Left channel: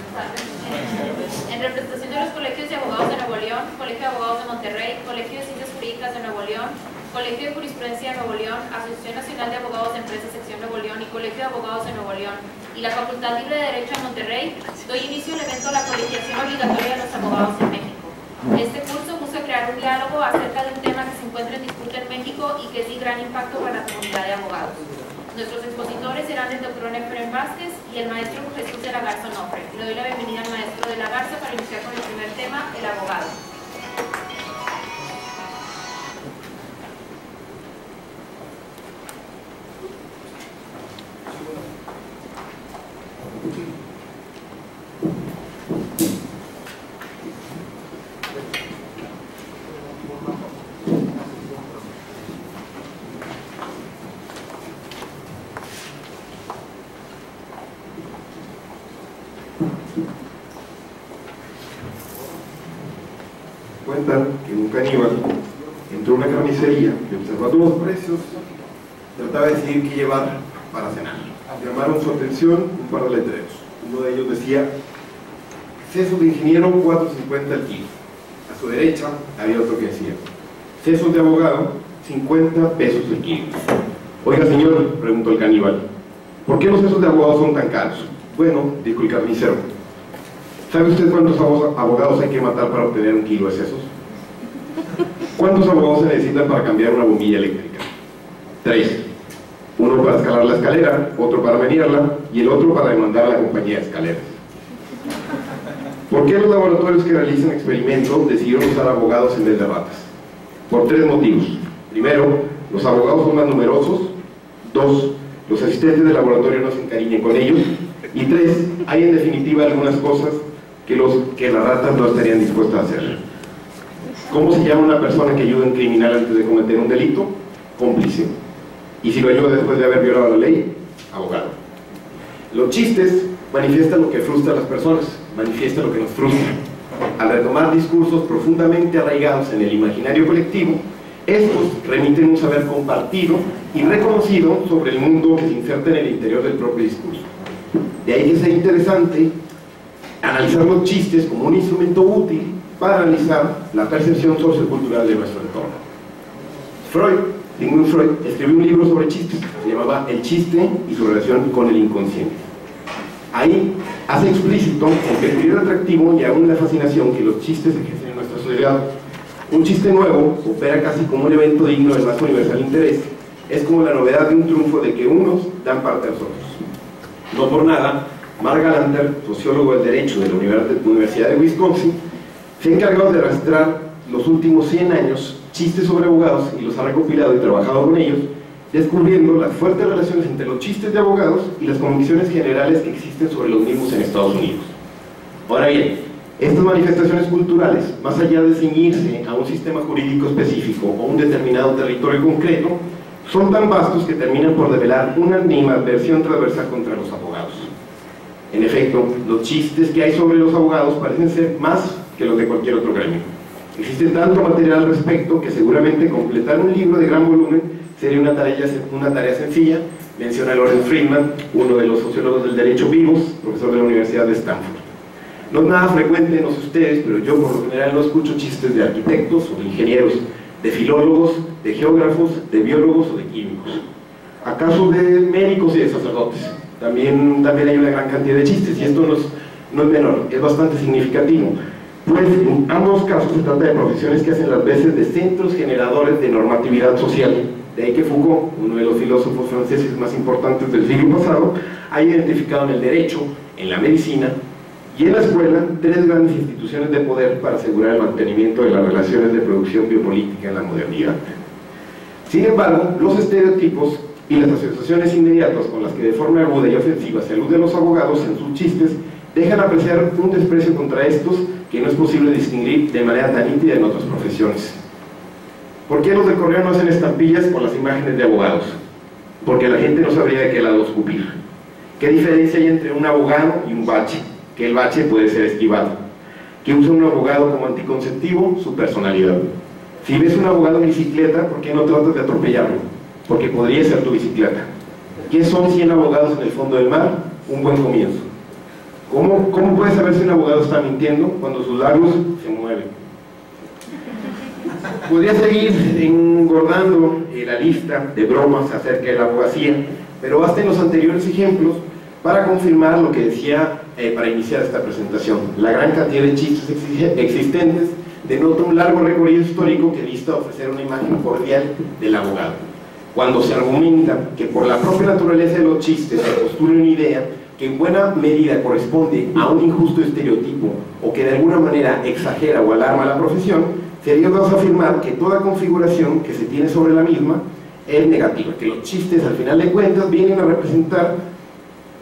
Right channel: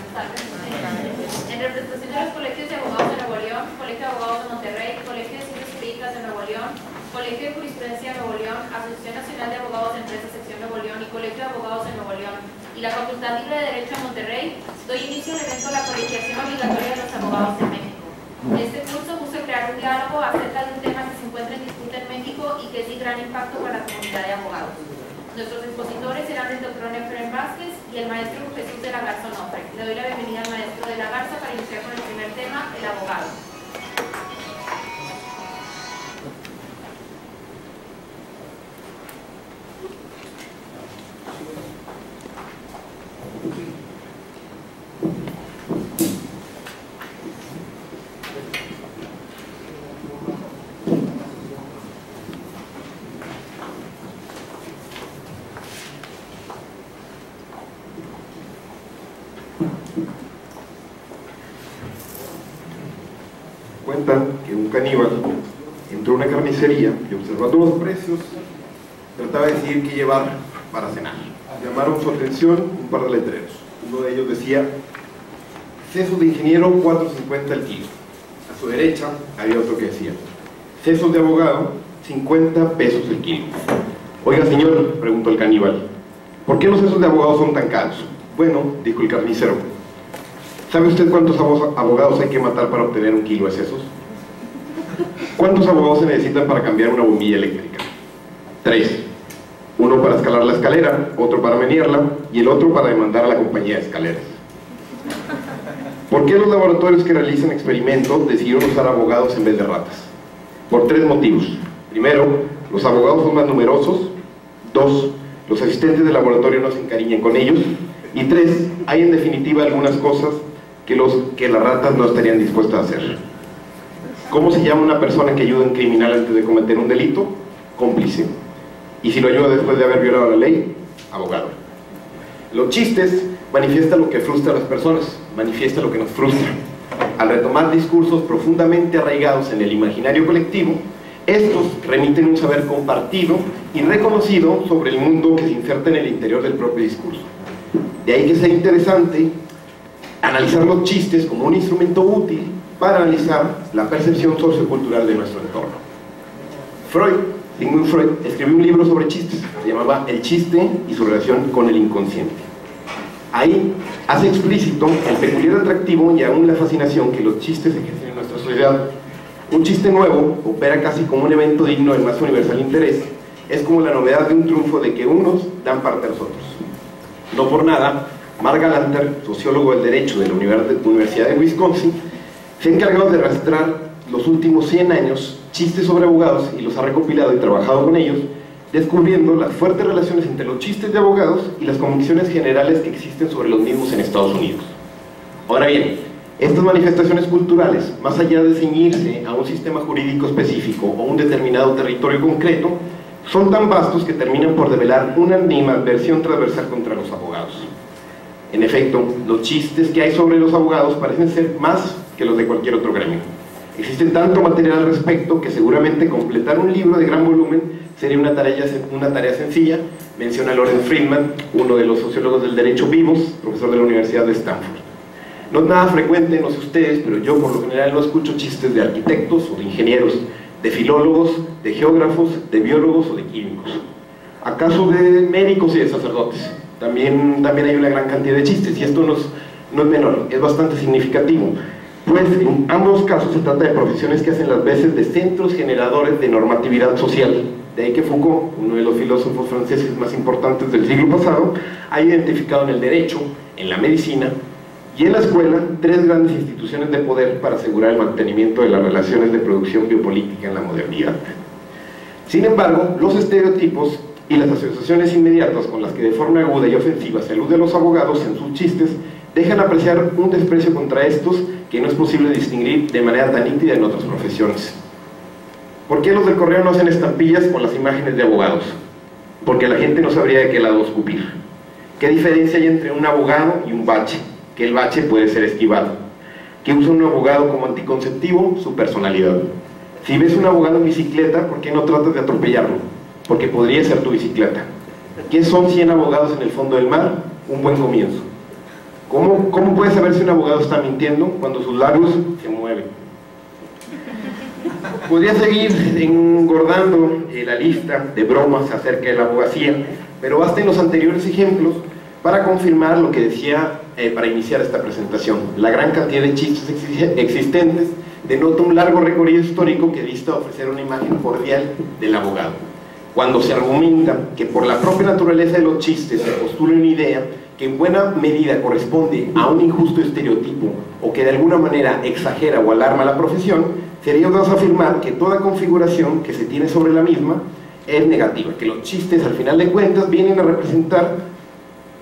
buenas tardes. En representación de los colegios de abogados de Nuevo León, Colegio de Abogados de Monterrey, Colegio de Ciencias Jurídicas de Nuevo León, Colegio de Jurisprudencia de Nuevo León, Asociación Nacional de Abogados de Empresas Sección Nuevo León y Colegio de Abogados de Nuevo León y la Facultad Libre de Derecho de Monterrey, doy inicio al evento La Colegiación Obligatoria de los Abogados en México. Este curso busca crear un diálogo acerca de un tema que se encuentra en disputa en México y que es de gran impacto para la comunidad de abogados. Nuestros expositores serán el doctor Efraín Vázquez y el maestro Jesús de la Garza Onofre. Le doy la bienvenida al maestro de la Garza para iniciar con el primer tema, el abogado. Cuentan que un caníbal entró a una carnicería y, observando los precios, trataba de decidir qué llevar para cenar. Llamaron su atención un par de letreros. Uno de ellos decía: sesos de ingeniero, 4.50 el kilo. A su derecha había otro que decía: sesos de abogado, 50 pesos el kilo. Oiga, señor, preguntó el caníbal, ¿por qué los sesos de abogado son tan caros? Bueno, dijo el carnicero, ¿sabe usted cuántos abogados hay que matar para obtener un kilo de sesos? ¿Cuántos abogados se necesitan para cambiar una bombilla eléctrica? 3. Uno para escalar la escalera, otro para menearla y el otro para demandar a la compañía de escaleras. ¿Por qué los laboratorios que realizan experimentos decidieron usar abogados en vez de ratas? Por 3 motivos. Primero, los abogados son más numerosos. 2. Los asistentes de laboratorio no se encariñan con ellos. Y 3. Hay en definitiva algunas cosas que las ratas no estarían dispuestas a hacer. ¿Cómo se llama una persona que ayuda a un criminal antes de cometer un delito? Cómplice. Y si lo ayuda después de haber violado la ley, abogado. Los chistes manifiestan lo que frustra a las personas, manifiestan lo que nos frustra. Al retomar discursos profundamente arraigados en el imaginario colectivo, estos remiten un saber compartido y reconocido sobre el mundo que se inserta en el interior del propio discurso. De ahí que sea interesante analizar los chistes como un instrumento útil para analizar la percepción sociocultural de nuestro entorno. Sigmund Freud, escribió un libro sobre chistes, se llamaba El chiste y su relación con el inconsciente. Ahí hace explícito el peculiar atractivo y aún la fascinación que los chistes ejercen en nuestra sociedad. Un chiste nuevo opera casi como un evento digno del más universal interés. Es como la novedad de un triunfo de que unos dan parte a los otros. No por nada, Mark Galanter, sociólogo del derecho de la Universidad de Wisconsin, se ha encargado de rastrear los últimos 100 años chistes sobre abogados y los ha recopilado y trabajado con ellos, descubriendo las fuertes relaciones entre los chistes de abogados y las convicciones generales que existen sobre los mismos en Estados Unidos. Ahora bien, estas manifestaciones culturales, más allá de ceñirse a un sistema jurídico específico o un determinado territorio concreto, son tan vastos que terminan por develar una animadversión transversal contra los abogados. En efecto, los chistes que hay sobre los abogados parecen ser más que los de cualquier otro gremio. Existe tanto material al respecto que seguramente completar un libro de gran volumen sería una tarea sencilla, menciona Lorenz Friedman, uno de los sociólogos del derecho vivos, profesor de la Universidad de Stanford. No es nada frecuente, no sé ustedes, pero yo por lo general no escucho chistes de arquitectos o de ingenieros, de filólogos, de geógrafos, de biólogos o de químicos. ¿Acaso de médicos y de sacerdotes? También hay una gran cantidad de chistes, y esto no es menor, es bastante significativo. Pues en ambos casos se trata de profesiones que hacen las veces de centros generadores de normatividad social. De ahí que Foucault, uno de los filósofos franceses más importantes del siglo pasado, ha identificado en el derecho, en la medicina y en la escuela 3 grandes instituciones de poder para asegurar el mantenimiento de las relaciones de producción biopolítica en la modernidad. Sin embargo, los estereotipos y las asociaciones inmediatas con las que de forma aguda y ofensiva se aluden los abogados en sus chistes dejan apreciar un desprecio contra estos que no es posible distinguir de manera tan nítida en otras profesiones. ¿Por qué los del correo no hacen estampillas con las imágenes de abogados? Porque la gente no sabría de qué lado escupir. ¿Qué diferencia hay entre un abogado y un bache? Que el bache puede ser esquivado. ¿Qué usa un abogado como anticonceptivo? Su personalidad. Si ves un abogado en bicicleta, ¿por qué no tratas de atropellarlo? Porque podría ser tu bicicleta. ¿Qué son 100 abogados en el fondo del mar? Un buen comienzo. ¿Cómo puede saber si un abogado está mintiendo? Cuando sus labios se mueven. Podría seguir engordando la lista de bromas acerca de la abogacía, pero basten los anteriores ejemplos para confirmar lo que decía para iniciar esta presentación. La gran cantidad de chistes existentes denota un largo recorrido histórico que dista ofrecer una imagen cordial del abogado. Cuando se argumenta que por la propia naturaleza de los chistes se postula una idea que en buena medida corresponde a un injusto estereotipo o que de alguna manera exagera o alarma a la profesión, sería audaz afirmar que toda configuración que se tiene sobre la misma es negativa, que los chistes al final de cuentas vienen a representar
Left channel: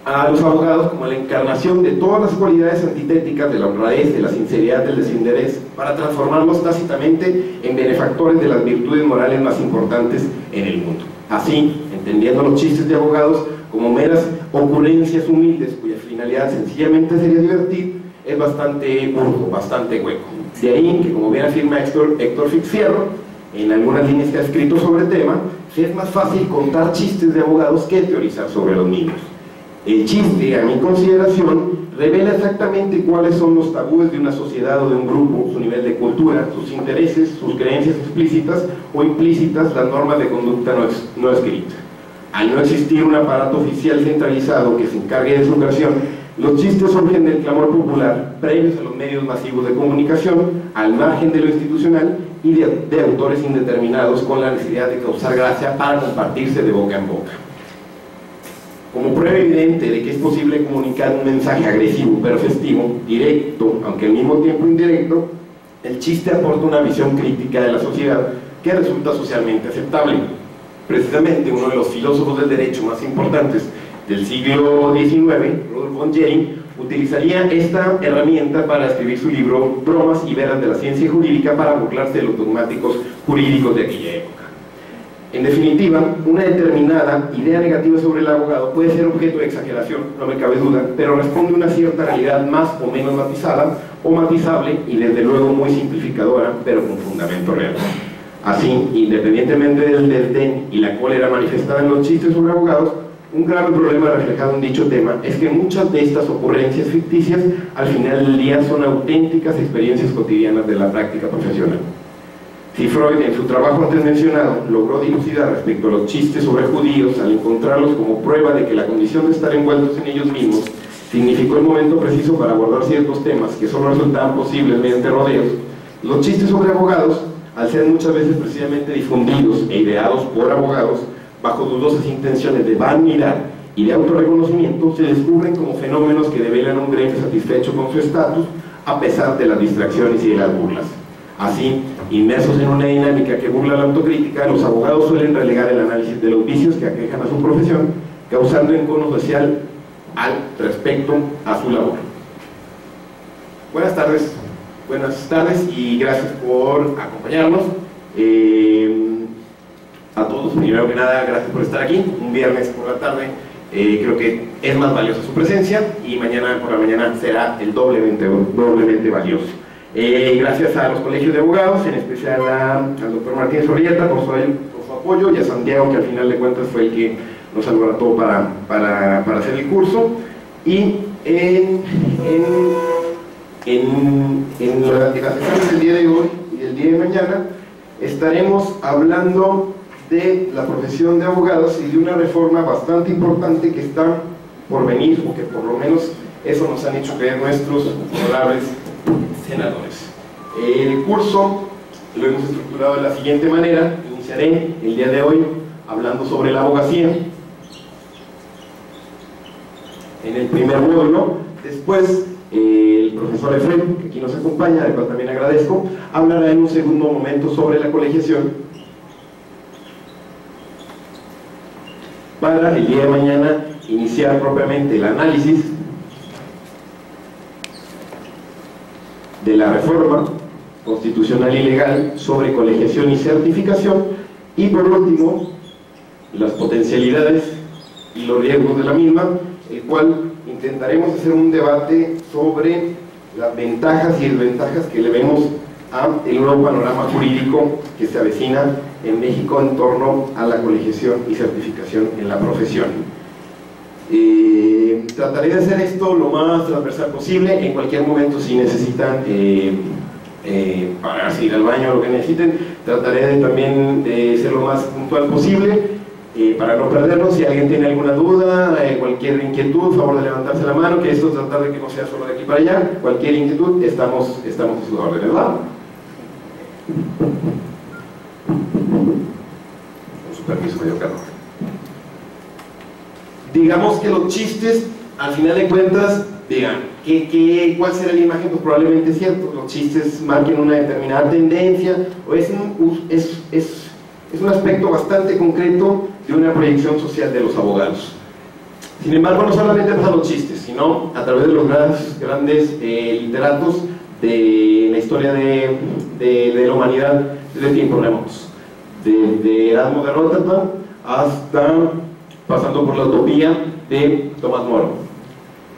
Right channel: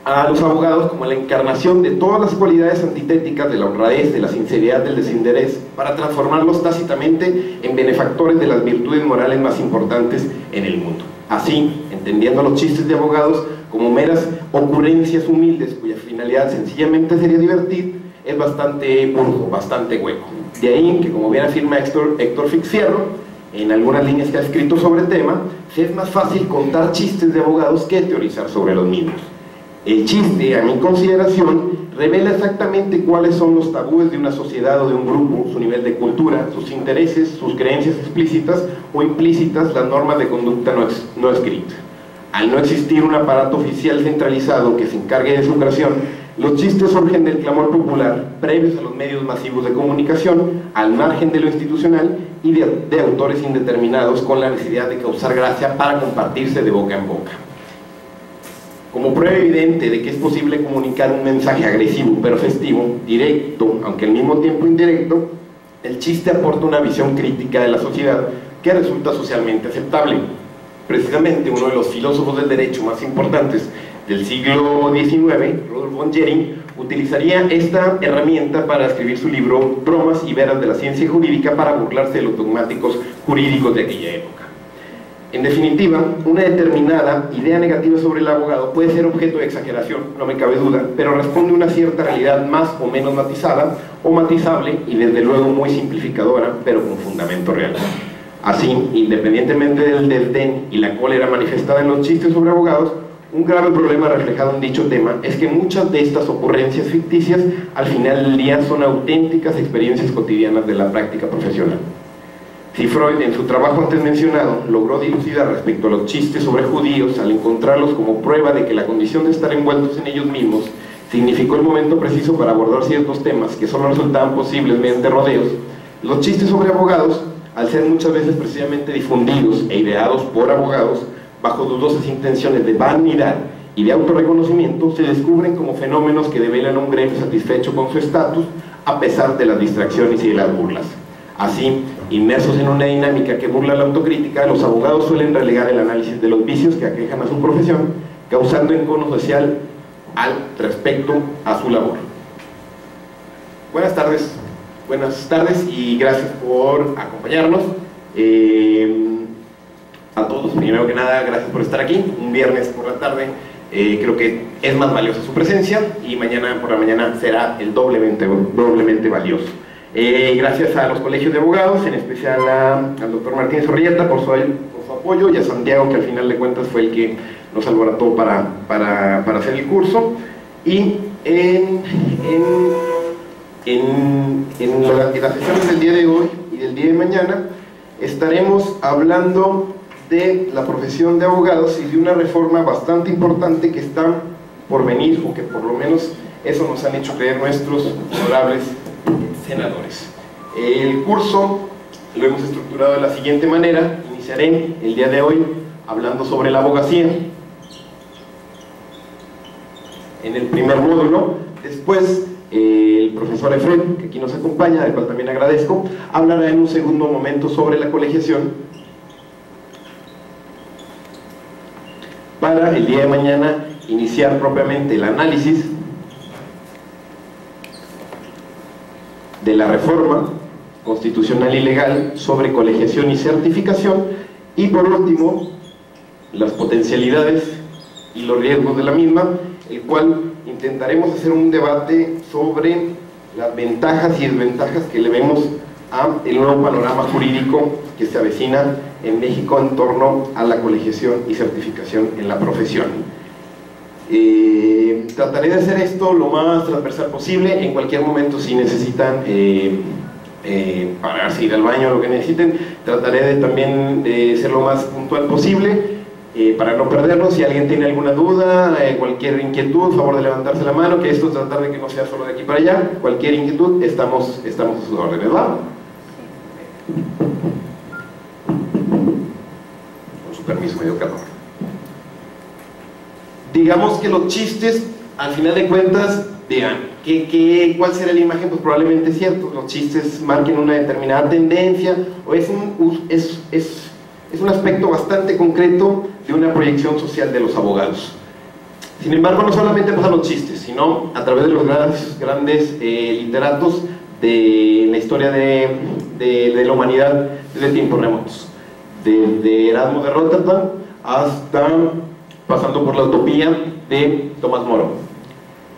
a los abogados como la encarnación de todas las cualidades antitéticas de la honradez, de la sinceridad, del desinterés, para transformarlos tácitamente en benefactores de las virtudes morales más importantes en el mundo. Así, entendiendo los chistes de abogados como meras ocurrencias humildes cuya finalidad sencillamente sería divertir, es bastante burdo, bastante hueco. De ahí que, como bien afirma Héctor Fixfierro, en algunas líneas que ha escrito sobre el tema, es más fácil contar chistes de abogados que teorizar sobre los mismos. El chiste, a mi consideración, revela exactamente cuáles son los tabúes de una sociedad o de un grupo, su nivel de cultura, sus intereses, sus creencias explícitas o implícitas, las normas de conducta no escritas. Al no existir un aparato oficial centralizado que se encargue de su creación, los chistes surgen del clamor popular, previos a los medios masivos de comunicación, al margen de lo institucional y de autores indeterminados con la necesidad de causar gracia para compartirse de boca en boca. Como prueba evidente de que es posible comunicar un mensaje agresivo pero festivo, directo, aunque al mismo tiempo indirecto, el chiste aporta una visión crítica de la sociedad que resulta socialmente aceptable. Precisamente uno de los filósofos del derecho más importantes del siglo XIX, Rudolf von Jhering, utilizaría esta herramienta para escribir su libro Bromas y veras de la ciencia jurídica para burlarse de los dogmáticos jurídicos de aquella época. En definitiva, una determinada idea negativa sobre el abogado puede ser objeto de exageración, no me cabe duda, pero responde a una cierta realidad más o menos matizada o matizable y desde luego muy simplificadora, pero con fundamento real. Así, independientemente del desdén y la cólera manifestada en los chistes sobre abogados, un grave problema reflejado en dicho tema es que muchas de estas ocurrencias ficticias al final del día son auténticas experiencias cotidianas de la práctica profesional. Si Freud en su trabajo antes mencionado logró dilucidar respecto a los chistes sobre judíos al encontrarlos como prueba de que la condición de estar envueltos en ellos mismos significó el momento preciso para abordar ciertos temas que solo resultaban posibles mediante rodeos, los chistes sobre abogados, al ser muchas veces precisamente difundidos e ideados por abogados bajo dudosas intenciones de vanidad y de autorreconocimiento, se descubren como fenómenos que develan un gremio satisfecho con su estatus a pesar de las distracciones y de las burlas. Así, inmersos en una dinámica que burla la autocrítica, los abogados suelen relegar el análisis de los vicios que aquejan a su profesión, causando encono social al respecto a su labor. Buenas tardes y gracias por acompañarnos. A todos, primero que nada, gracias por estar aquí, un viernes por la tarde. Creo que es más valiosa su presencia y mañana por la mañana será el doblemente valioso. Gracias a los colegios de abogados, en especial al doctor Martínez Orrieta por su apoyo, y a Santiago, que al final de cuentas fue el que nos alborotó para hacer el curso. Y en las sesiones del día de hoy y del día de mañana estaremos hablando de la profesión de abogados y de una reforma bastante importante que está por venir, o que por lo menos eso nos han hecho creer nuestros honorables senadores. El curso lo hemos estructurado de la siguiente manera. Iniciaré el día de hoy hablando sobre la abogacía en el primer módulo. Después el profesor Efren, que aquí nos acompaña, del cual también agradezco, hablará en un segundo momento sobre la colegiación, para el día de mañana iniciar propiamente el análisis de la reforma constitucional y legal sobre colegiación y certificación, y por último las potencialidades y los riesgos de la misma, el cual intentaremos hacer un debate sobre las ventajas y desventajas que le vemos al nuevo panorama jurídico que se avecina en México en torno a la colegiación y certificación en la profesión. Trataré de hacer esto lo más transversal posible. En cualquier momento, si necesitan pararse, ir al baño, lo que necesiten, trataré también de ser lo más puntual posible para no perdernos. Si alguien tiene alguna duda, cualquier inquietud, favor de levantarse la mano, que esto tratar de que no sea solo de aquí para allá. Cualquier inquietud, estamos a sus órdenes, ¿verdad? Con su permiso, medio calor. Digamos que los chistes, al final de cuentas, digan, ¿cuál será la imagen? Pues probablemente es cierto, los chistes marquen una determinada tendencia, o es un aspecto bastante concreto de una proyección social de los abogados. Sin embargo, no solamente pasa los chistes, sino a través de los grandes literatos de la historia de la humanidad desde tiempos remotos, de Erasmo de Róterdam hasta pasando por la utopía de Tomás Moro.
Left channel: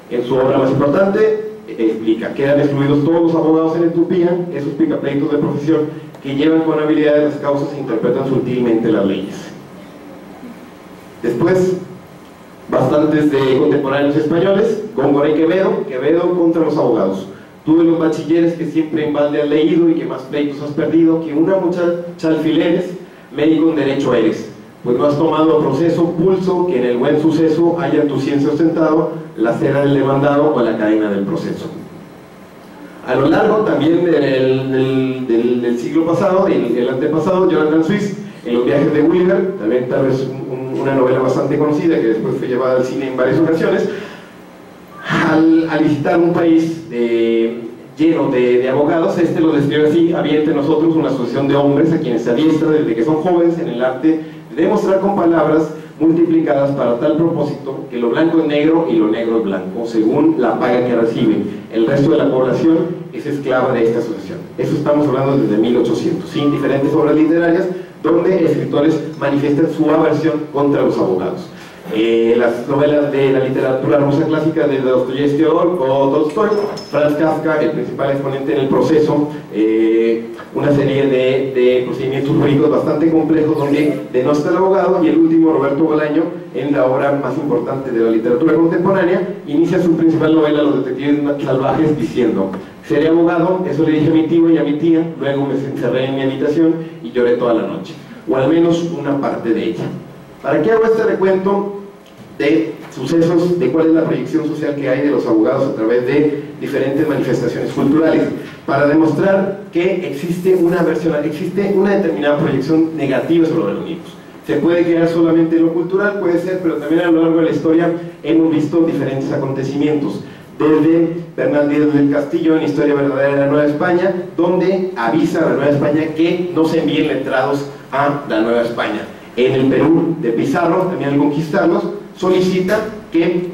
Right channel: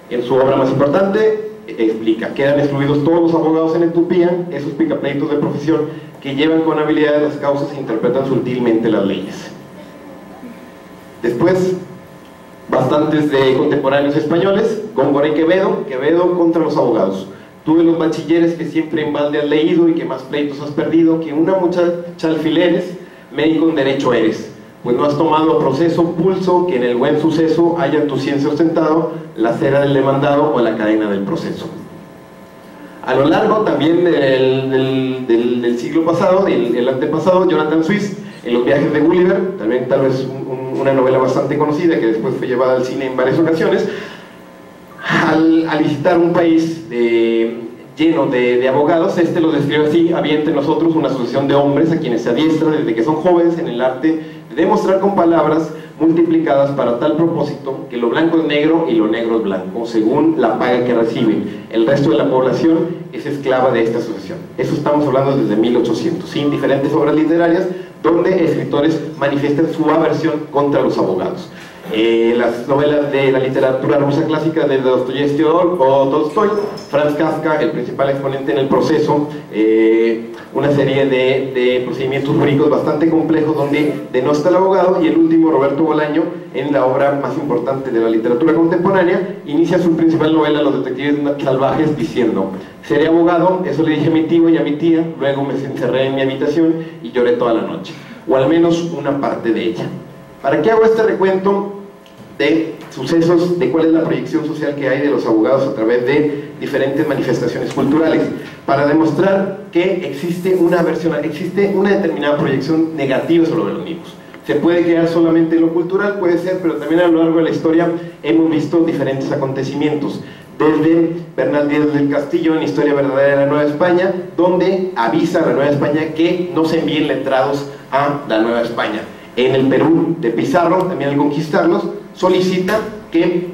En su obra más importante explica, quedan excluidos todos los abogados en la utopía, esos picapleitos de profesión que llevan con habilidad las causas e interpretan sutilmente las leyes. Después, bastantes de contemporáneos españoles, Góngora y Quevedo contra los abogados. Tú de los bachilleres que siempre en balde has leído y que más pleitos has perdido, que una muchacha alfileres, médico en derecho eres, pues no has tomado a proceso pulso, que en el buen suceso haya tu ciencia ostentado, la cera del demandado o la cadena del proceso. A lo largo también del siglo pasado, el antepasado, Jonathan Swift, en Los viajes de Gulliver, también tal vez una novela bastante conocida que después fue llevada al cine en varias ocasiones, al visitar un país lleno de abogados, lo describe así: había entre nosotros una asociación de hombres a quienes se adiestran desde que son jóvenes en el arte de demostrar con palabras multiplicadas para tal propósito que lo blanco es negro y lo negro es blanco, según la paga que reciben. El resto de la población es esclava de esta asociación. Eso estamos hablando desde 1800, sin diferentes obras literarias donde escritores manifiestan su aversión contra los abogados. Las novelas de la literatura rusa clásica de Dostoyevski o Tolstoy, Franz Kafka, el principal exponente en el proceso, una serie de procedimientos jurídicos bastante complejos donde denosta el abogado, y el último, Roberto Bolaño, en la obra más importante de la literatura contemporánea, inicia su principal novela, Los detectives salvajes, diciendo: seré abogado, eso le dije a mi tío y a mi tía, luego me encerré en mi habitación y lloré toda la noche, o al menos una parte de ella. ¿Para qué hago este recuento de sucesos, de cuál es la proyección social que hay de los abogados a través de diferentes manifestaciones culturales? Para demostrar que existe una determinada proyección negativa sobre los mismos. Se puede quedar solamente en lo cultural, puede ser, pero también a lo largo de la historia hemos visto diferentes acontecimientos. Desde Bernal Díaz del Castillo en Historia Verdadera de la Nueva España, donde avisa a la Nueva España que no se envíen letrados a la Nueva España. En el Perú de Pizarro, también al conquistarlos, solicita que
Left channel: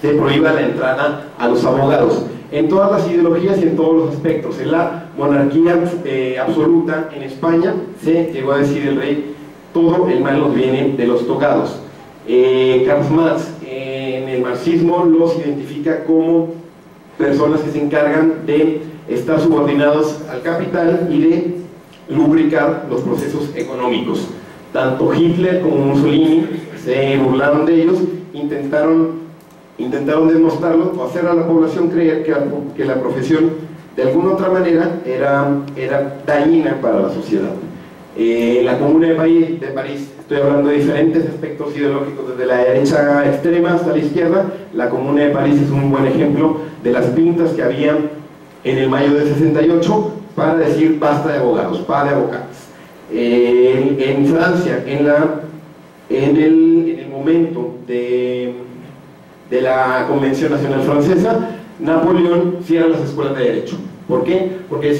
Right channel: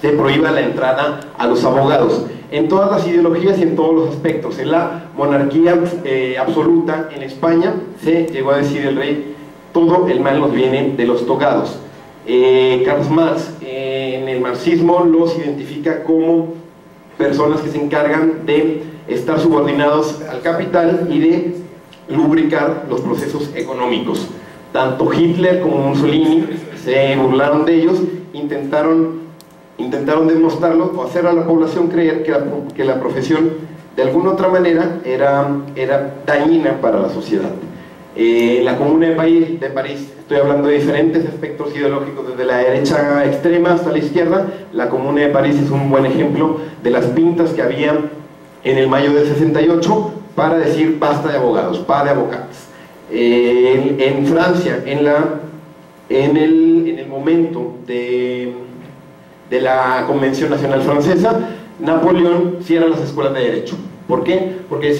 se prohíba la entrada a los abogados. En todas las ideologías y en todos los aspectos. En la monarquía absoluta en España se llegó a decir el rey: todo el mal nos viene de los togados. Karl Marx en el marxismo los identifica como personas que se encargan de estar subordinados al capital y de lubricar los procesos económicos. Tanto Hitler como Mussolini se burlaron de ellos, intentaron demostrarlo o hacer a la población creer que la profesión de alguna otra manera era dañina para la sociedad. La Comuna de París, estoy hablando de diferentes aspectos ideológicos, desde la derecha extrema hasta la izquierda. La Comuna de París es un buen ejemplo de las pintas que había en el mayo del 68 para decir basta de abogados, para de abogados. En Francia, en el momento de la Convención Nacional Francesa, Napoleón cierra las escuelas de derecho. ¿Por qué? Porque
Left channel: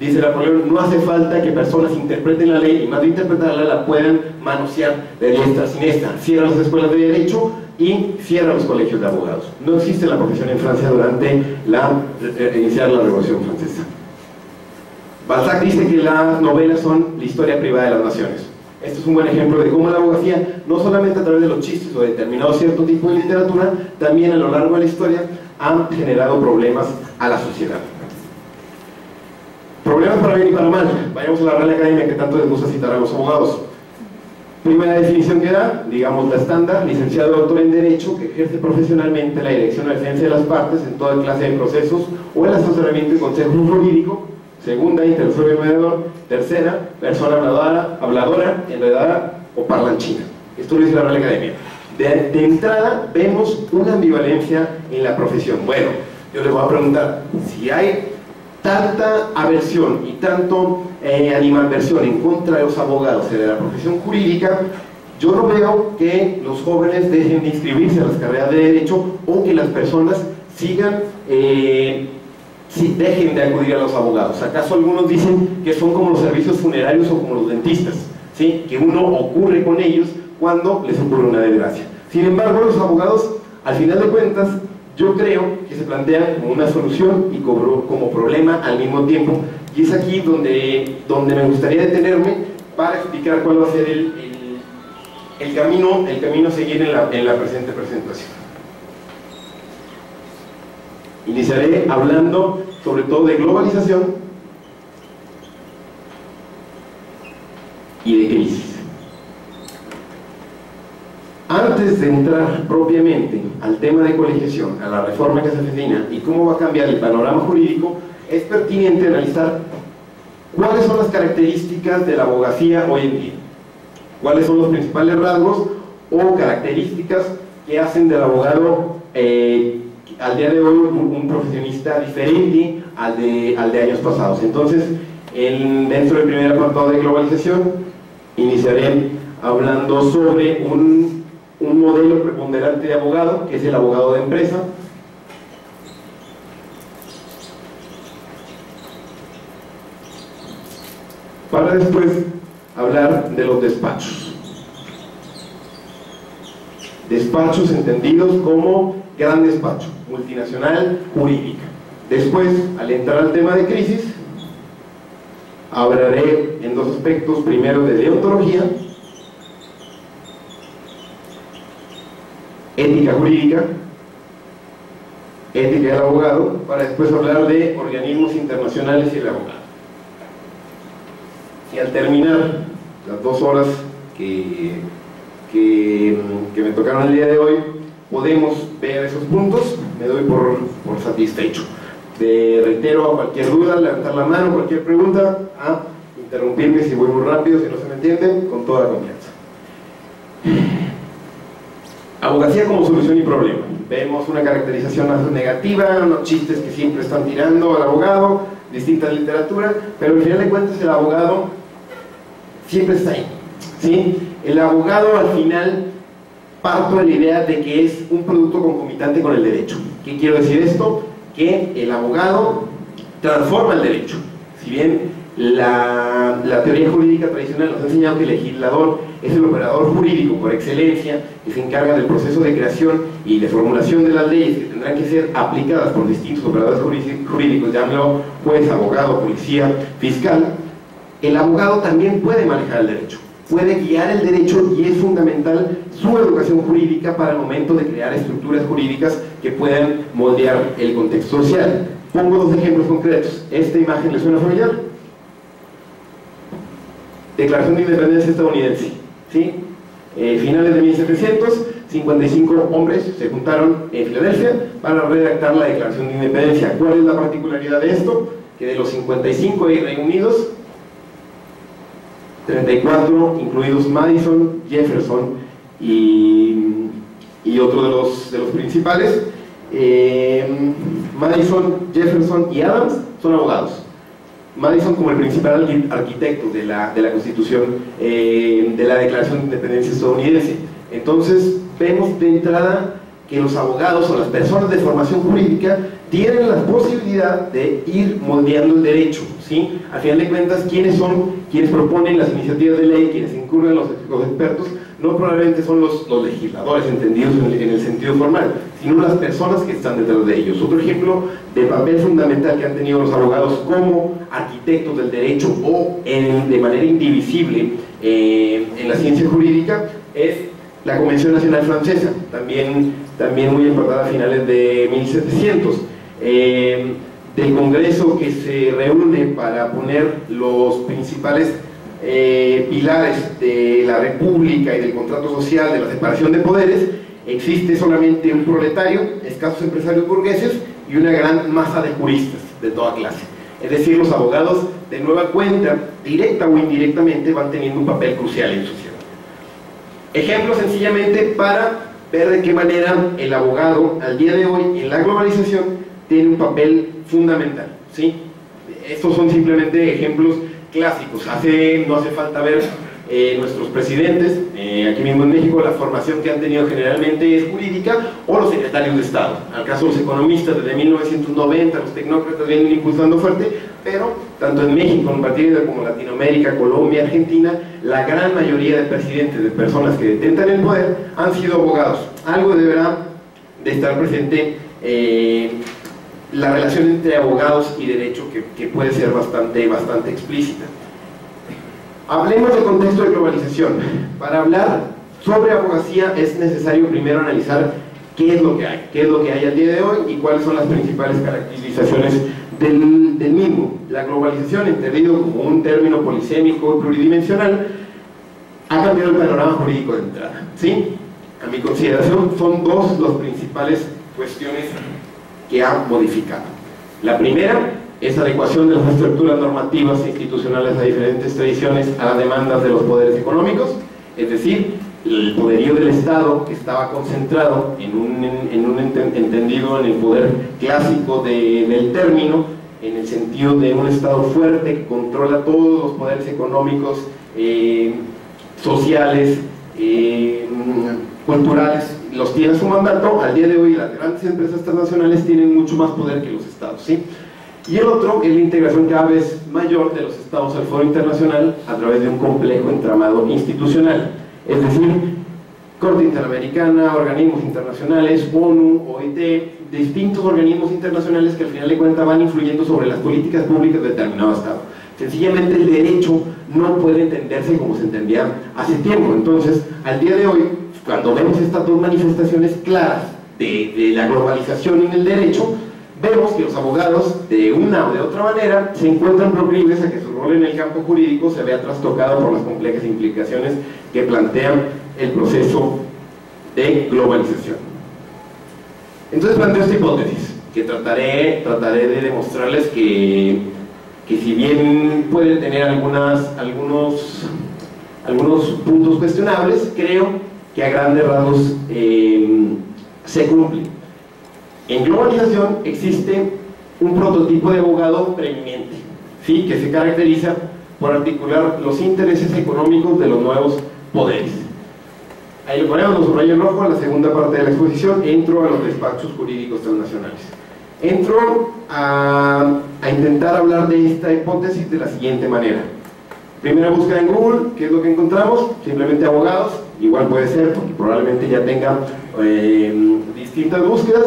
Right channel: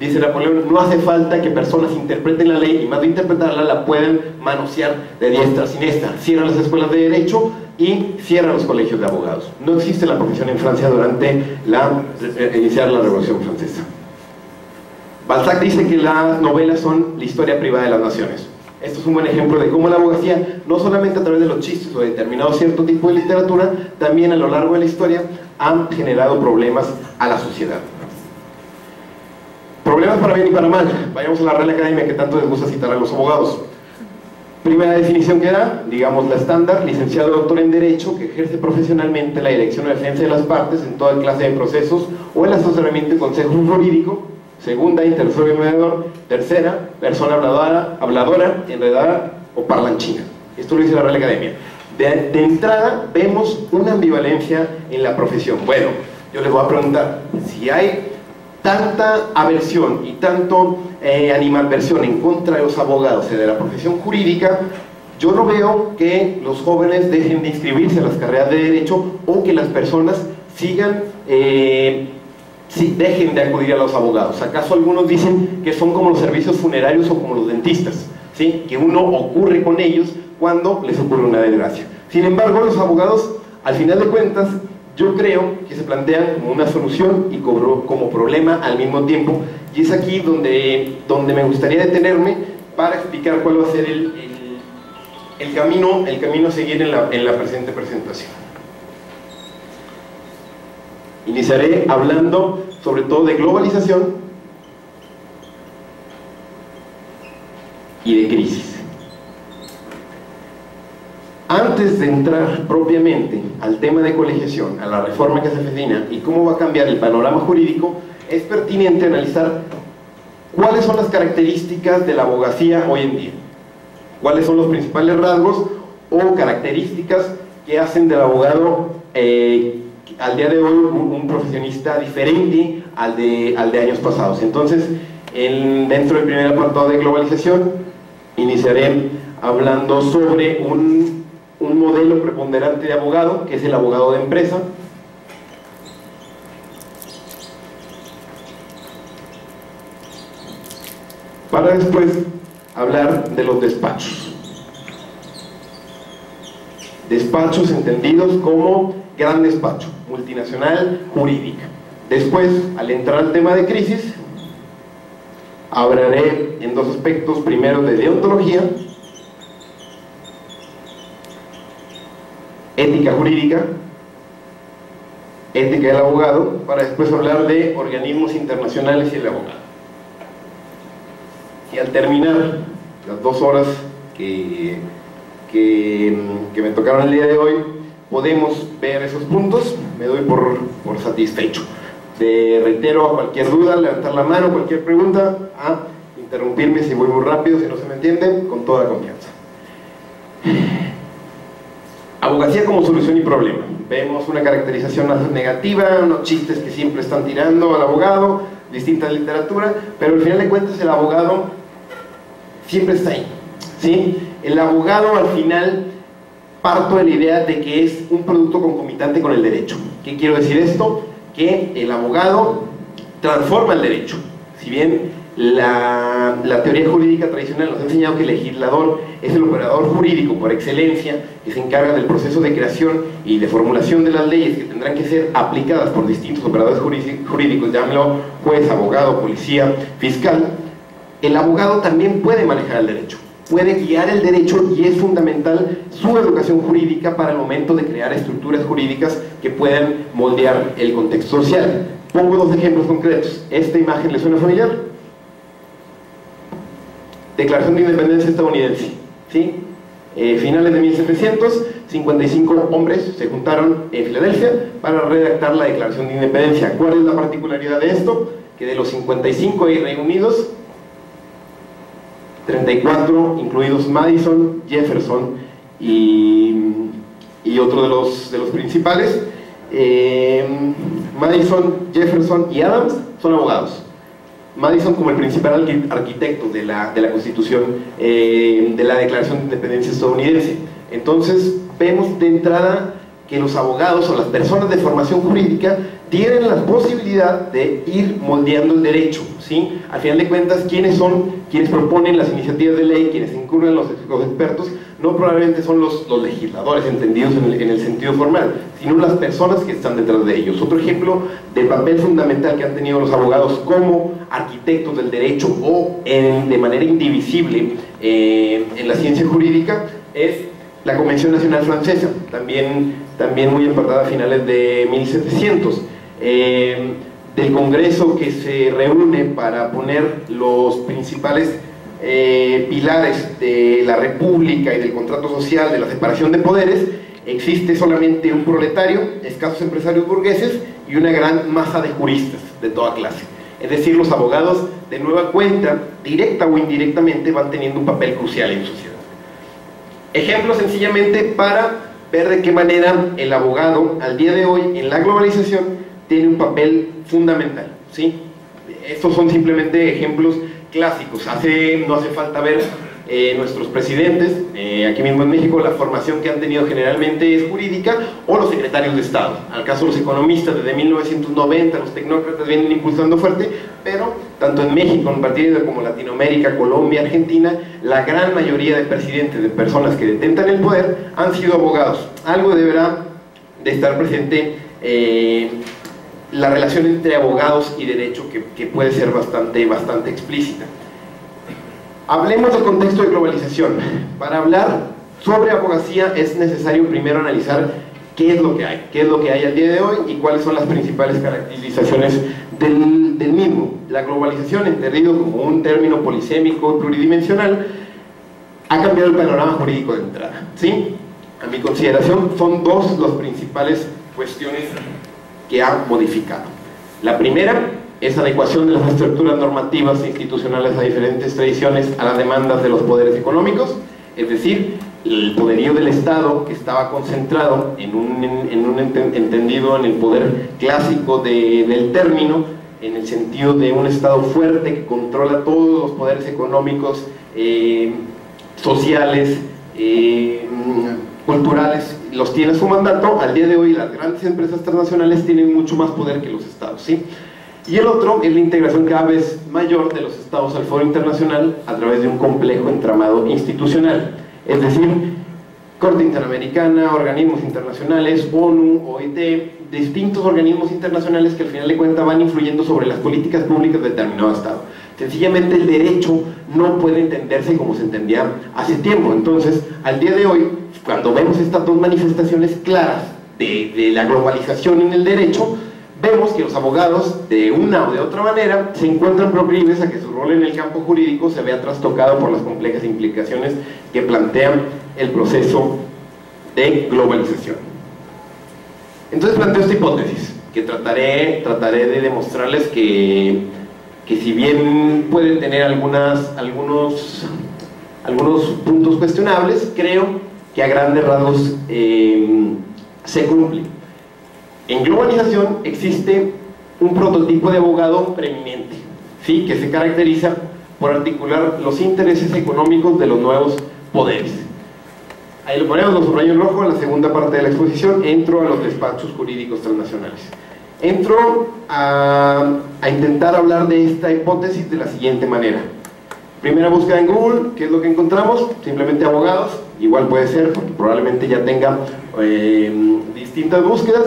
dice Napoleón: no hace falta que personas interpreten la ley, y más de interpretarla la puedan manosear de diestra a siniestra. Cierra las escuelas de derecho y cierra los colegios de abogados. No existe la profesión en Francia durante iniciar la Revolución Francesa. Balzac dice que las novelas son la historia privada de las naciones. Esto es un buen ejemplo de cómo la abogacía, no solamente a través de los chistes o de determinado cierto tipo de literatura, también a lo largo de la historia han generado problemas a la sociedad. Problemas para bien y para mal. Vayamos a la Real Academia, que tanto les gusta citar a los abogados. Primera definición que da, digamos la estándar: licenciado doctor en Derecho que ejerce profesionalmente la dirección o defensa de las partes en toda clase de procesos o el asesoramiento y consejo jurídico. Segunda, intercesor y mediador. Tercera, persona habladora, enredada o parlanchina. Esto lo dice la Real Academia. De entrada vemos una ambivalencia en la profesión. Bueno, yo les voy a preguntar, si hay tanta aversión y tanto animadversión en contra de los abogados y de la profesión jurídica, yo no veo que los jóvenes dejen de inscribirse a las carreras de Derecho o que las personas sigan, dejen de acudir a los abogados. ¿Acaso algunos dicen que son como los servicios funerarios o como los dentistas? ¿Sí? Que uno ocurre con ellos cuando les ocurre una desgracia. Sin embargo, los abogados, al final de cuentas, yo creo que se plantean como una solución y como problema al mismo tiempo, y es aquí donde me gustaría detenerme para explicar cuál va a ser el camino a seguir en la presente presentación. Iniciaré hablando sobre todo de globalización y de crisis. Antes de entrar propiamente al tema de colegiación, a la reforma que se avecina y cómo va a cambiar el panorama jurídico, es pertinente analizar cuáles son las características de la abogacía hoy en día, cuáles son los principales rasgos o características que hacen del abogado al día de hoy un profesionista diferente al de años pasados. Entonces, dentro del primer apartado de globalización, iniciaré hablando sobre un modelo preponderante de abogado, que es el abogado de empresa. Para después hablar de los despachos. Despachos entendidos como gran despacho, multinacional, jurídica. Después, al entrar al tema de crisis, hablaré en dos aspectos: primero de deontología, ética jurídica, ética del abogado, para después hablar de organismos internacionales y el abogado. Y al terminar las 2 horas que me tocaron el día de hoy, podemos ver esos puntos, me doy por satisfecho. Reitero, a cualquier duda, levantar la mano, cualquier pregunta, interrumpirme si voy muy rápido, si no se me entiende, con toda la confianza. Abogacía como solución y problema. Vemos una caracterización negativa, unos chistes que siempre están tirando al abogado, distinta literatura, pero al final de cuentas el abogado siempre está ahí, ¿sí? El abogado al final parto de la idea de que es un producto concomitante con el derecho. ¿Qué quiero decir esto? Que el abogado transforma el derecho. Si bien la teoría jurídica tradicional nos ha enseñado que el legislador es el operador jurídico por excelencia, que se encarga del proceso de creación y de formulación de las leyes que tendrán que ser aplicadas por distintos operadores jurídicos, llámelo juez, abogado, policía, fiscal. El abogado también puede manejar el derecho, puede guiar el derecho, y es fundamental su educación jurídica para el momento de crear estructuras jurídicas que puedan moldear el contexto social. Pongo 2 ejemplos concretos. ¿Esta imagen le suena familiar? Declaración de Independencia estadounidense, ¿sí? Finales de 1700, 55 hombres se juntaron en Filadelfia para redactar la Declaración de Independencia. ¿Cuál es la particularidad de esto? Que de los 55 ahí reunidos, 34, incluidos Madison, Jefferson y otro de los principales, Madison, Jefferson y Adams, son abogados. Madison como el principal arquitecto de la Constitución, de la Declaración de Independencia estadounidense. Entonces vemos de entrada que los abogados o las personas de formación jurídica tienen la posibilidad de ir moldeando el derecho, ¿sí? Al final de cuentas, ¿quiénes son quienes proponen las iniciativas de ley, quienes incurren los expertos? No probablemente son los legisladores entendidos en el sentido formal, sino las personas que están detrás de ellos. Otro ejemplo del papel fundamental que han tenido los abogados como arquitectos del derecho o de manera indivisible en la ciencia jurídica es la Convención Nacional Francesa, también muy importante a finales de 1700, del Congreso que se reúne para poner los principales pilares de la república y del contrato social, de la separación de poderes, existe solamente un proletario, escasos empresarios burgueses y una gran masa de juristas de toda clase. Es decir, los abogados de nueva cuenta, directa o indirectamente, van teniendo un papel crucial en la sociedad. Ejemplo sencillamente para ver de qué manera el abogado al día de hoy en la globalización tiene un papel fundamental, ¿sí? Estos son simplemente ejemplos clásicos. No hace falta ver nuestros presidentes, aquí mismo en México, la formación que han tenido generalmente es jurídica, o los secretarios de Estado. Al caso los economistas, desde 1990, los tecnócratas vienen impulsando fuerte, pero tanto en México, en partidos como Latinoamérica, Colombia, Argentina, la gran mayoría de presidentes, de personas que detentan el poder, han sido abogados. Algo deberá de estar presente la relación entre abogados y derecho, que puede ser bastante explícita. Hablemos del contexto de globalización. Para hablar sobre abogacía es necesario primero analizar qué es lo que hay al día de hoy y cuáles son las principales caracterizaciones del mismo. La globalización, entendido como un término polisémico y pluridimensional, ha cambiado el panorama jurídico de entrada, ¿sí? A mi consideración son dos las principales cuestiones que ha modificado. La primera es adecuación de las estructuras normativas e institucionales a diferentes tradiciones a las demandas de los poderes económicos, es decir, el poderío del Estado, que estaba concentrado entendido en el poder clásico del término, en el sentido de un Estado fuerte que controla todos los poderes económicos, sociales, culturales, los tiene a su mandato. Al día de hoy las grandes empresas transnacionales tienen mucho más poder que los estados, ¿sí? Y el otro es la integración cada vez mayor de los estados al foro internacional a través de un complejo entramado institucional, es decir, Corte Interamericana, organismos internacionales, ONU, OIT, distintos organismos internacionales que al final de cuentas van influyendo sobre las políticas públicas de determinado estado. Sencillamente el derecho no puede entenderse como se entendía hace tiempo. Entonces, al día de hoy, cuando vemos estas dos manifestaciones claras de la globalización en el derecho, vemos que los abogados, de una o de otra manera, se encuentran proclives a que su rol en el campo jurídico se vea trastocado por las complejas implicaciones que plantean el proceso de globalización. Entonces planteo esta hipótesis, que trataré de demostrarles que si bien pueden tener algunos puntos cuestionables, creo que a grandes rasgos se cumplen. En globalización existe un prototipo de abogado preeminente, ¿sí? Que se caracteriza por articular los intereses económicos de los nuevos poderes. Ahí lo ponemos, los subrayo en rojo, en la segunda parte de la exposición. Entro a los despachos jurídicos transnacionales. Entro a intentar hablar de esta hipótesis de la siguiente manera. Primera búsqueda en Google, ¿qué es lo que encontramos? Simplemente abogados, igual puede ser, porque probablemente ya tenga distintas búsquedas.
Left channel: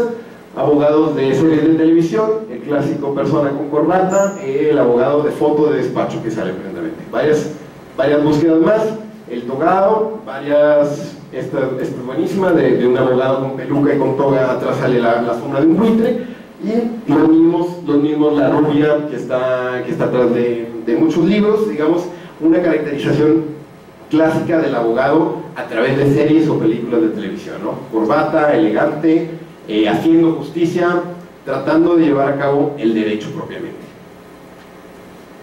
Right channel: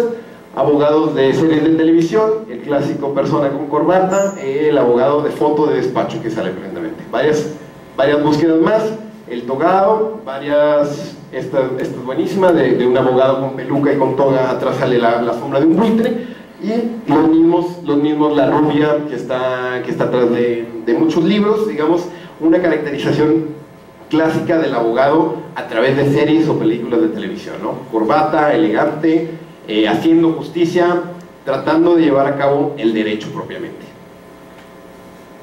Abogados de series de televisión, el clásico persona con corbata, el abogado de foto de despacho que sale precisamente. Varias búsquedas más, el togado, esta es buenísima, de un abogado con peluca y con toga, atrás sale la sombra de un buitre, y los mismos la rubia que está atrás de muchos libros, digamos, una caracterización clásica del abogado a través de series o películas de televisión, ¿no? Corbata, elegante, haciendo justicia, tratando de llevar a cabo el derecho propiamente.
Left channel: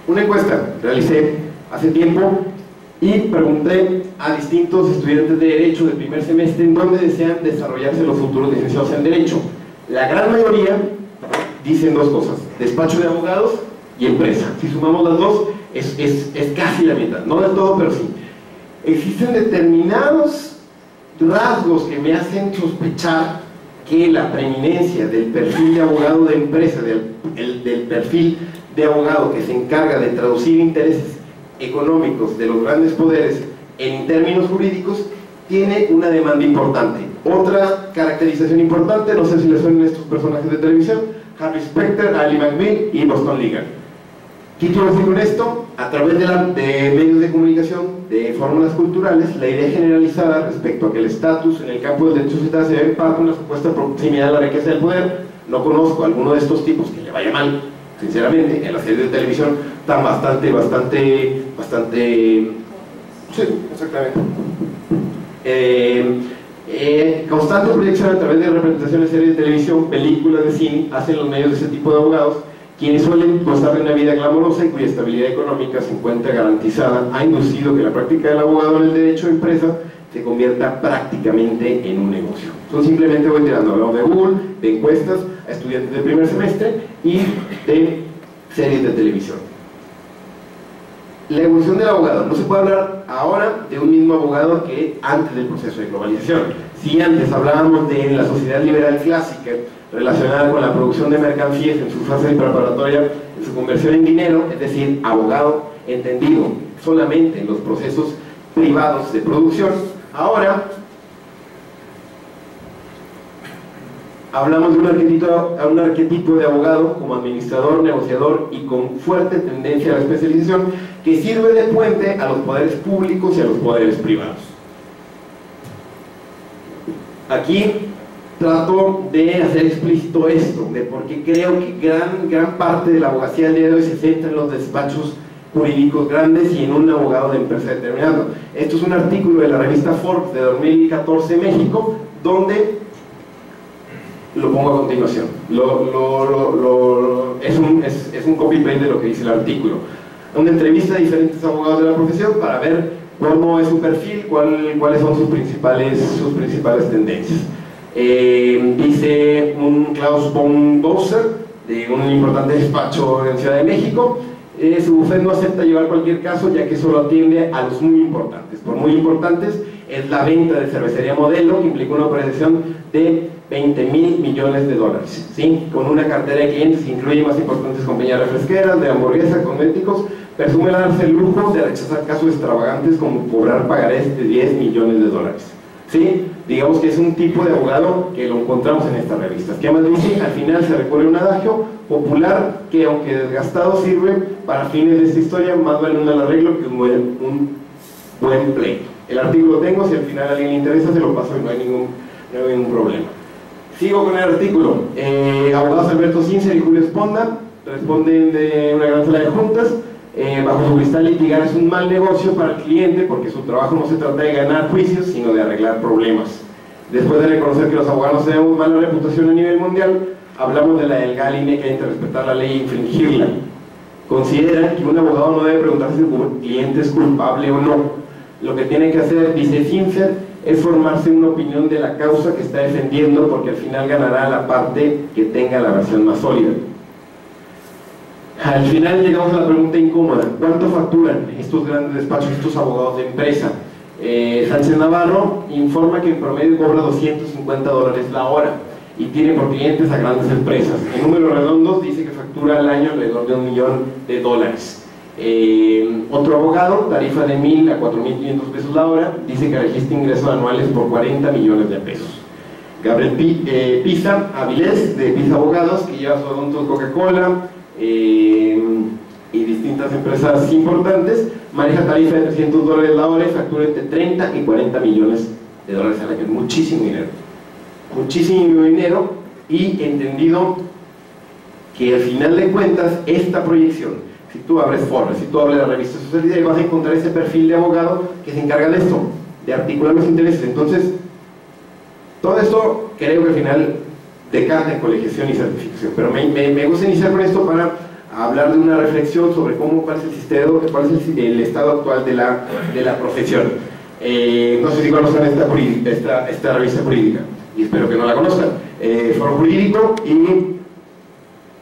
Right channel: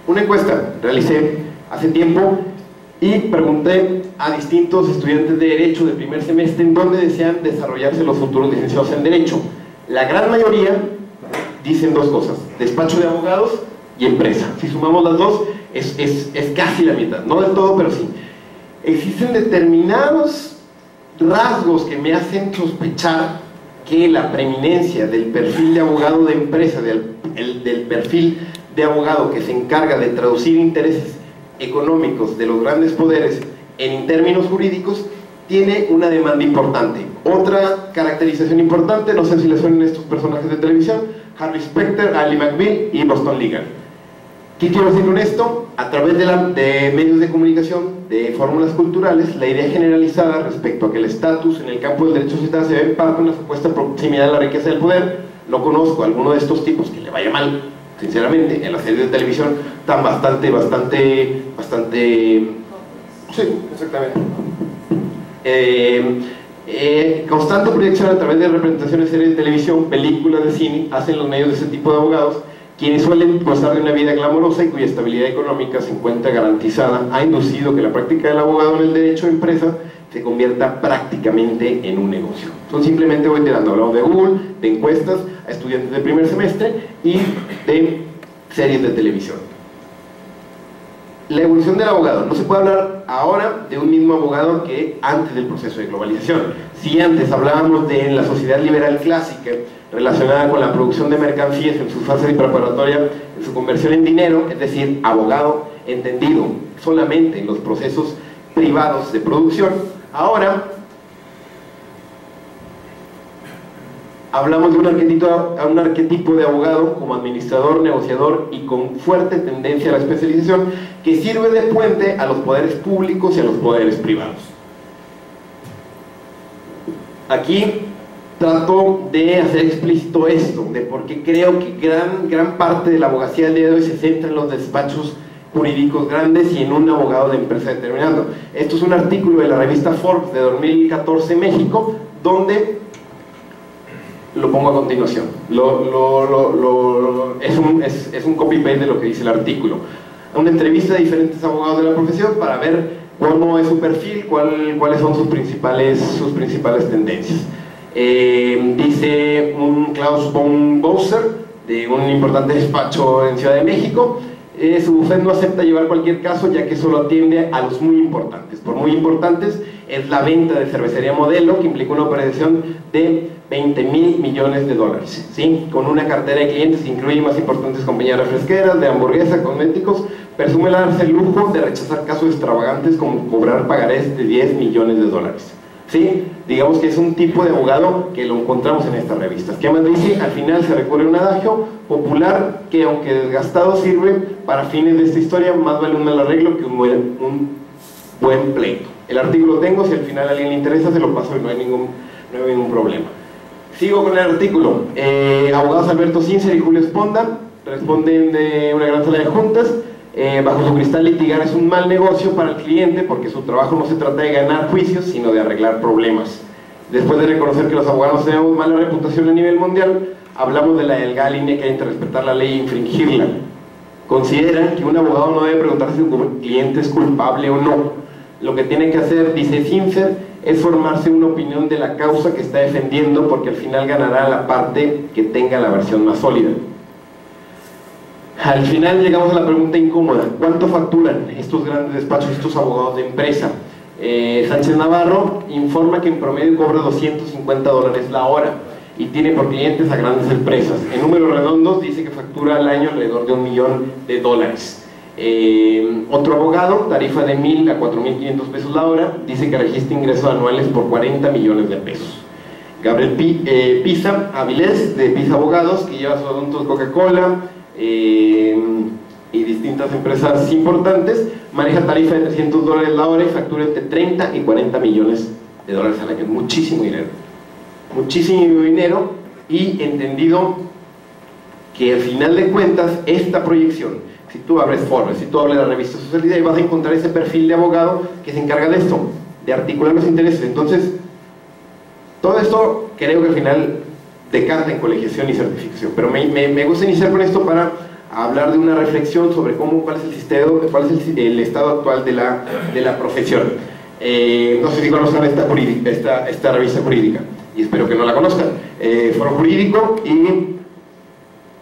Una encuesta realicé hace tiempo y pregunté a distintos estudiantes de Derecho de primer semestre en dónde desean desarrollarse los futuros licenciados en Derecho. La gran mayoría dicen dos cosas: despacho de abogados y empresa. Si sumamos las dos, es casi la mitad, no del todo, pero sí. Existen determinados rasgos que me hacen sospechar que la preeminencia del perfil de abogado de empresa, del perfil de abogado que se encarga de traducir intereses económicos de los grandes poderes en términos jurídicos, tiene una demanda importante. Otra caracterización importante, no sé si les suenan estos personajes de televisión: Harvey Specter, Ali McBeal y Boston Legal. ¿Qué quiero decir con esto? A través de medios de comunicación, de fórmulas culturales, la idea generalizada respecto a que el estatus en el campo del derecho social se debe en parte a una supuesta proximidad de la riqueza del poder. No conozco a alguno de estos tipos que le vaya mal sinceramente, en las series de televisión están bastante, sí, exactamente. Constante proyección a través de representaciones de series de televisión, películas de cine, hacen los medios de ese tipo de abogados, quienes suelen gozar de una vida glamorosa y cuya estabilidad económica se encuentra garantizada, ha inducido que la práctica del abogado en el derecho de empresa se convierta prácticamente en un negocio. Son simplemente voy tirando, hablamos de Google, de encuestas a estudiantes de primer semestre y de series de televisión. La evolución del abogado. No se puede hablar ahora de un mismo abogado que antes del proceso de globalización. Si antes hablábamos de la sociedad liberal clásica relacionada con la producción de mercancías en su fase preparatoria, en su conversión en dinero, es decir, abogado entendido solamente en los procesos privados de producción, ahora hablamos de un arquetipo de abogado como administrador, negociador y con fuerte tendencia a la especialización, que sirve de puente a los poderes públicos y a los poderes privados. Aquí trato de hacer explícito esto, de por qué creo que gran parte de la abogacía del día de hoy se centra en los despachos jurídicos grandes y en un abogado de empresa determinado. Esto es un artículo de la revista Forbes de 2014 México, donde lo pongo a continuación. Es un copy-paste de lo que dice el artículo. Una entrevista de diferentes abogados de la profesión para ver cómo es su perfil, cuáles son sus principales tendencias. Dice un Klaus von Bowser, de un importante despacho en Ciudad de México, su bufete no acepta llevar cualquier caso, ya que solo atiende a los muy importantes. Por muy importantes es la venta de cervecería Modelo, que implicó una operación de 20.000 millones de dólares, ¿sí? Con una cartera de clientes que incluye más importantes compañías refresqueras, de hamburguesa, cosméticos. Presume darse el lujo de rechazar casos extravagantes como cobrar pagarés de 10 millones de dólares, ¿sí? Digamos que es un tipo de abogado que lo encontramos en estas revistas. ¿Qué más dice? Al final se recurre a un adagio popular que, aunque desgastado, sirve para fines de esta historia. Más vale un mal arreglo que un buen pleito. El artículo tengo, si al final a alguien le interesa se lo paso y no hay ningún problema. Sigo con el artículo. Abogados Alberto Sincer y Julio Esponda responden de una gran sala de juntas. Bajo su cristal, litigar es un mal negocio para el cliente porque su trabajo no se trata de ganar juicios, sino de arreglar problemas. Después de reconocer que los abogados tenemos mala reputación a nivel mundial, hablamos de la delgada línea que hay entre respetar la ley e infringirla. Consideran que un abogado no debe preguntar si su cliente es culpable o no. Lo que tiene que hacer, dice Sincer, es formarse una opinión de la causa que está defendiendo, porque al final ganará la parte que tenga la versión más sólida. Al final llegamos a la pregunta incómoda: ¿cuánto facturan estos grandes despachos, estos abogados de empresa? Sánchez Navarro informa que en promedio cobra $250 la hora y tiene por clientes a grandes empresas. En números redondos dice que factura al año alrededor de $1 millón. Otro abogado, tarifa de 1.000 a 4.500 pesos la hora, dice que registra ingresos anuales por 40 millones de pesos. Gabriel Pisa Avilés, de Pisa Abogados, que lleva sus asuntos Coca-Cola y distintas empresas importantes, maneja tarifa de $300 la hora y factura entre 30 y 40 millones de dólares al año. Muchísimo dinero, y entendido que al final de cuentas esta proyección, si tú abres Forbes, si tú abres la revista Sociedad, vas a encontrar ese perfil de abogado que se encarga de esto, de articular los intereses. Entonces, todo esto creo que al final decanta en colegiación y certificación, pero me gusta iniciar con esto para hablar de una reflexión sobre cuál es el estado actual de la profesión. No sé si conozcan esta revista jurídica, y espero que no la conozcan. Foro Jurídico y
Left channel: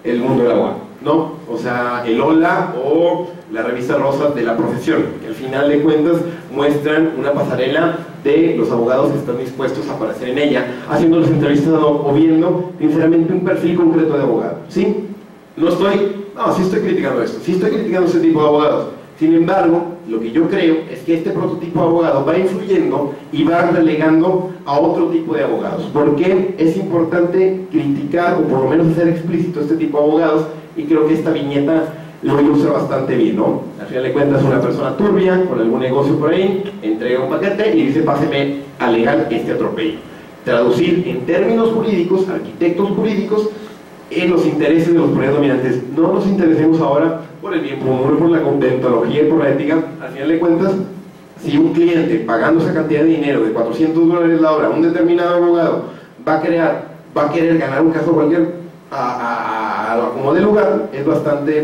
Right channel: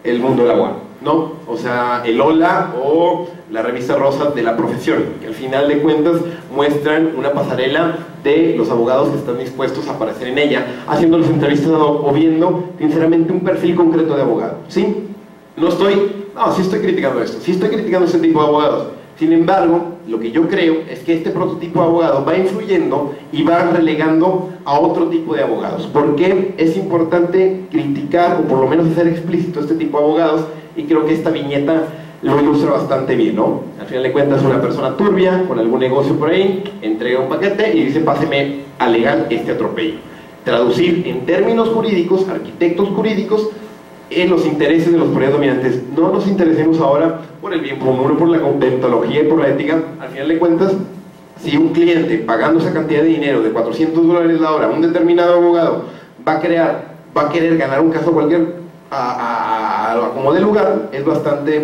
El Mundo del Abogado, ¿no? O sea, el Hola o la revista rosa de la profesión, que al final de cuentas muestran una pasarela de los abogados que están dispuestos a aparecer en ella, haciéndoles entrevistas o viendo sinceramente un perfil concreto de abogado, ¿sí? Sí estoy criticando esto, sí estoy criticando ese tipo de abogados. Sin embargo, lo que yo creo es que este prototipo de abogado va influyendo y va relegando a otro tipo de abogados. ¿Por qué es importante criticar o por lo menos hacer explícito este tipo de abogados? Y creo que esta viñeta lo ilustra bastante bien, ¿no? Al final de cuentas, una persona turbia con algún negocio por ahí entrega un paquete y dice: páseme a legal este atropello. Traducir en términos jurídicos, arquitectos jurídicos, en los intereses de los poderes dominantes. No nos interesemos ahora por el bien común, por la deontología y por la ética. Al final de cuentas, si un cliente pagando esa cantidad de dinero de $400 la hora a un determinado abogado va a querer ganar un caso cualquier como de lugar, es bastante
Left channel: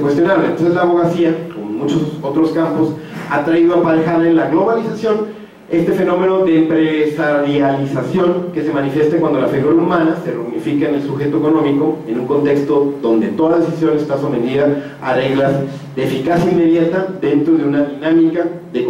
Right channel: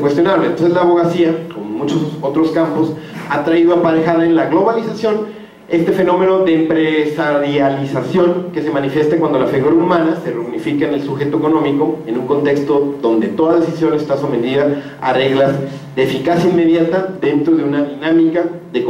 cuestionable. Entonces la abogacía, como muchos otros campos, ha traído aparejada en la globalización este fenómeno de empresarialización que se manifiesta cuando la figura humana se reunifica en el sujeto económico en un contexto donde toda decisión está sometida a reglas de eficacia inmediata dentro de una dinámica de